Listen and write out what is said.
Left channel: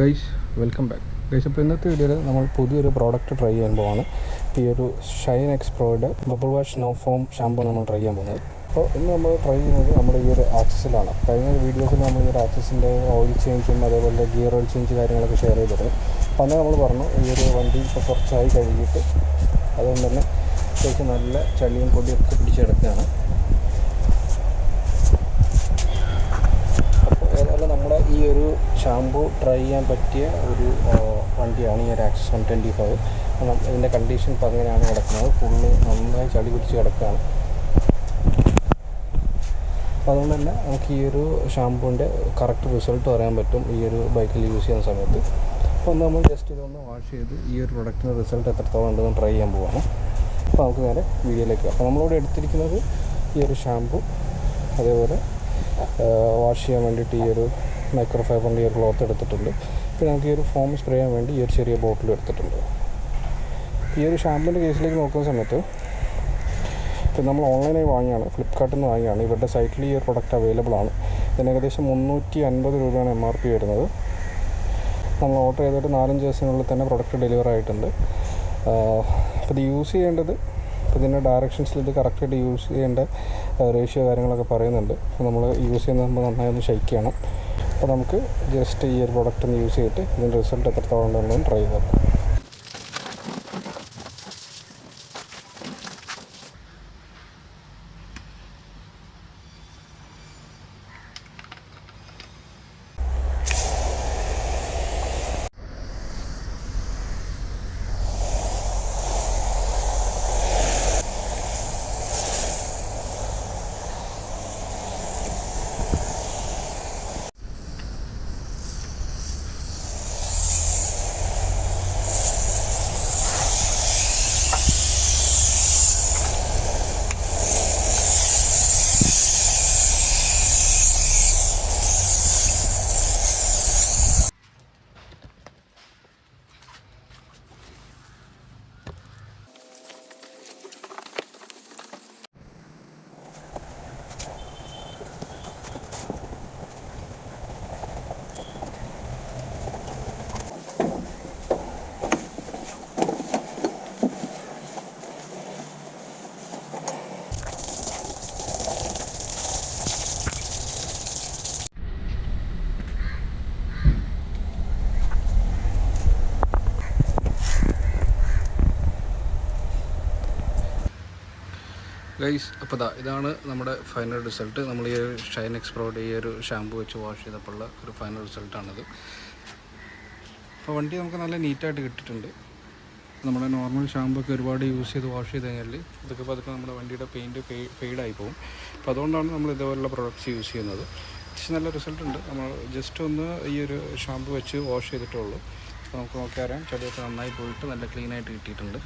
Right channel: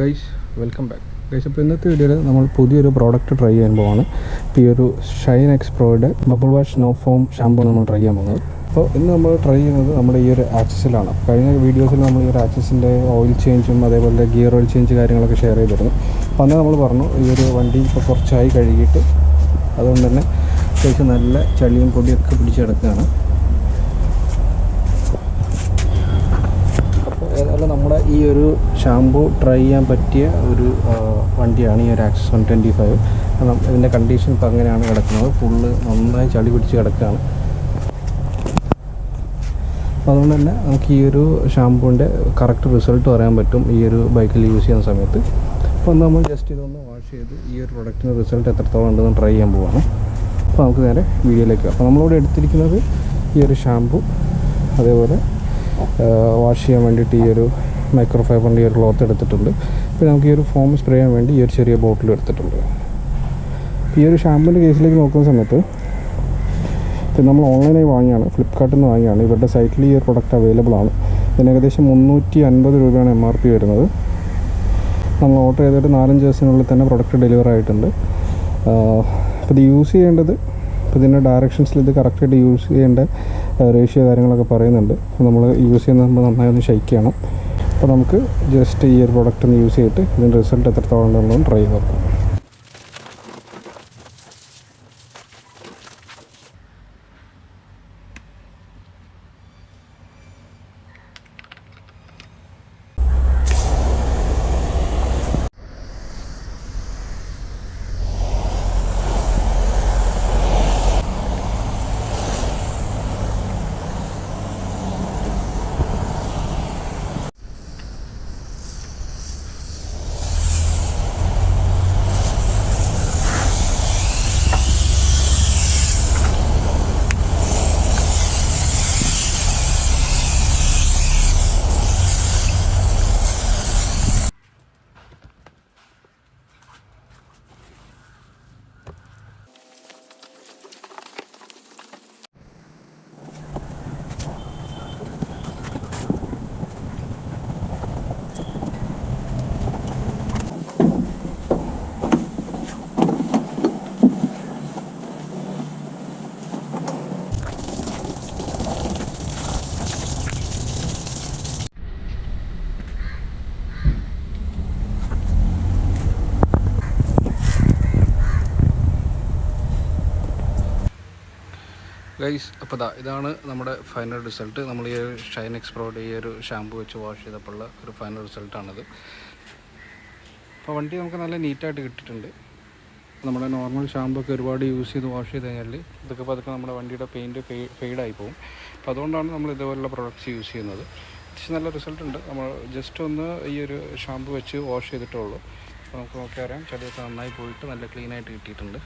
Guys welcome back guys. അപ്പോൾ ഇന്നത്തെ വീഡിയോയിൽ നമ്മൾ പുതിയൊരു പ്രോഡക്റ്റ് ട്രൈ ചെയ്യാൻ പോകുന്നത്. ഇപ്പോൾ ഈ ഒരു ഷൈൻ എക്സ്പ്രോയുടെ bubble wash no foam shampoo നമ്മൾ ട്രൈ ചെയ്യാൻ പോകുന്നത്. അപ്പോൾ ഇന്ന് നമ്മൾ ട്രൈ ചെയ്യുന്നത് നമ്മുടെ ഈ ഒരു ആക്സിസിലാണ്. കഴിഞ്ഞ വീഡിയോസിൽ നമ്മൾ ഈ ഒരു ആക്സിസിൻ്റെ ഓയിൽ ചേഞ്ചും അതേപോലെ ഗിയർ ഓയിൽ ചേഞ്ച് കാര്യങ്ങളൊക്കെ ഷെയർ ചെയ്തിരുന്നു. അപ്പോൾ അന്ന് നമ്മൾ പറഞ്ഞു ഈ ഒരു വണ്ടി ഇപ്പോൾ കുറച്ചായി കഴുകിയിട്ട് അതുകൊണ്ട് തന്നെ അത്യാവശ്യം നല്ല ചളിയും പൊടിയൊക്കെ പിടിച്ചെടുക്കുകയാണ്. ഏതായാലും നമ്മുടെ ഈ ഒരു ഷാമ്പൂ ട്രൈ ചെയ്യാൻ പറ്റിയ ഒരു വണ്ടിയാണ് ഈ ഒരു ആക്സസ് 125. കാരണം ഇതിൻ്റെ കണ്ടീഷൻ ഇപ്പോൾ അങ്ങനെയാണ് കിടക്കുന്നത്. ഫുള്ള് നന്നായി ചളി പിടിച്ച് കിടക്കുകയാണ്. അതുകൊണ്ട് തന്നെ നമുക്ക് ഈ ഒരു ഷാമ്പൂവിൻ്റെ കറക്റ്റ് റിസൾട്ട് പറയാൻ പറ്റും ഈ ഒരു ബൈക്കിൽ യൂസ് ചെയ്യുന്ന സമയത്ത്. അപ്പോൾ നമ്മൾ ജസ്റ്റ് ഇതൊന്ന് വാഷ് ചെയ്ത് ഈ ഒരു പ്രൊഡക്റ്റിന് റിസൾട്ട് എത്രത്തോളം ഉണ്ടെന്ന് ട്രൈ ചെയ്യാൻ പോവാണ്. അപ്പോൾ നമുക്ക് നേരെ വീഡിയോയിലേക്ക്. അപ്പോൾ നമ്മളിവിടെ എടുത്തിരിക്കുന്നത് ഈ ഒരു ഷാമ്പൂ, അതേപോലെ വാഷ് ചെയ്യാൻ വേണ്ടിയിട്ട് ഈ ഒരു മൈക്രോ ഫൈബറിൻ്റെ ഈ ഒരു ക്ലോത്ത് എടുത്തിട്ടുണ്ട്. പിന്നെ നമുക്ക് ഈ ഒരു ഫോം സ്പ്രേ ചെയ്യാൻ വേണ്ടി ഈ ഒരു ചെറിയ ബോട്ടിലും എടുത്തിട്ടുണ്ട്. ഈ ഒരു ഷാമ്പൂവിൻ്റെ കേസിലേക്ക് നോക്കുന്ന സമയത്ത് ഇപ്പം നമ്മൾ ഓൺലൈനായി വാങ്ങിയാണ്, ഫ്ലിപ്കാർട്ടിൽ നിന്ന് വാങ്ങിയാണ്. ഇവരുടെ സൈറ്റിൽ ഈ ഒരു പ്രൊഡക്റ്റ് അവൈലബിൾ ആണ്. ഇതിന് ഏകദേശം 350 രൂപയാണ് MRP വരുന്നത്. നമ്മൾ ഓർഡർ ചെയ്തിട്ട് 4-5 ദിവസത്തിനുള്ളിൽ തന്നെ പ്രൊഡക്റ്റ് ഡെലിവർ ആയിട്ടുണ്ട്. അപ്പോൾ ഇത് യൂസ് ചെയ്യേണ്ടത്, ഇപ്പോൾ ഇതിൻ്റെ ഡയറക്ഷൻസിൽ ഇത് കറക്റ്റായിട്ട് യൂസ് ചെയ്യേണ്ട റേഷ്യോ കാര്യങ്ങളൊക്കെ പറയുന്നുണ്ട്. നമ്മൾ യൂസ് ചെയ്യുമ്പോൾ നന്നായി ഒന്ന് ഷെയ്ക്ക് ചെയ്യണം. അപ്പോൾ നമുക്ക് ജസ്റ്റ് ഈ ഒരു പ്രൊഡക്റ്റ് ഒന്ന് യൂസ് ചെയ്തിട്ട് ഇതിൻ്റെ റിസൾട്ട് എത്രത്തോളം ഉണ്ടെന്ന് ട്രൈ ചെയ്ത് നോക്കാം. ഗൈസ്, അപ്പോൾ ഇതാണ് നമ്മുടെ ഫൈനൽ റിസൾട്ട്. നമ്മൾ ഈ ഒരു ഷൈൻ എക്സ്പ്രോയുടെ ഈ ഒരു ഷാമ്പൂ വെച്ച് വാഷ് ചെയ്തപ്പോഴുള്ള ഒരു ഫൈനൽ റിസൾട്ടാണിത്. അപ്പോൾ വണ്ടി നമുക്ക് നല്ല നീറ്റായിട്ട് കിട്ടിയിട്ടുണ്ട്. നമ്മുടെ നോർമൽ ഷാമ്പൂ ഒക്കെ ഒരുപാട് യൂസ് ചെയ്ത് വാഷ് ചെയ്ത് കഴിഞ്ഞാൽ ഇതൊക്കെ പതുക്കെ നമ്മുടെ വണ്ടിയുടെ പെയിൻറ്റ് ഫെയ്ഡായി പോകും. അപ്പോൾ അതുകൊണ്ടാണ് നമ്മൾ ഇതുപോലുള്ള പ്രൊഡക്ട്സ് യൂസ് ചെയ്യുന്നത്. അത്യാവശ്യം നല്ല റിസൾട്ട് ഉണ്ട്. നമ്മൾ ജസ്റ്റ് ഒന്ന് ഈ ഒരു ഷാമ്പൂ വെച്ച് വാഷ് ചെയ്തിട്ടേ ഉള്ളൂ. അപ്പോൾ നമുക്ക് നോക്കിയാൽ അറിയാം, ചെടിയൊക്കെ നന്നായി പോയിട്ട് നല്ല ക്ലീനായിട്ട് കിട്ടിയിട്ടുണ്ട്.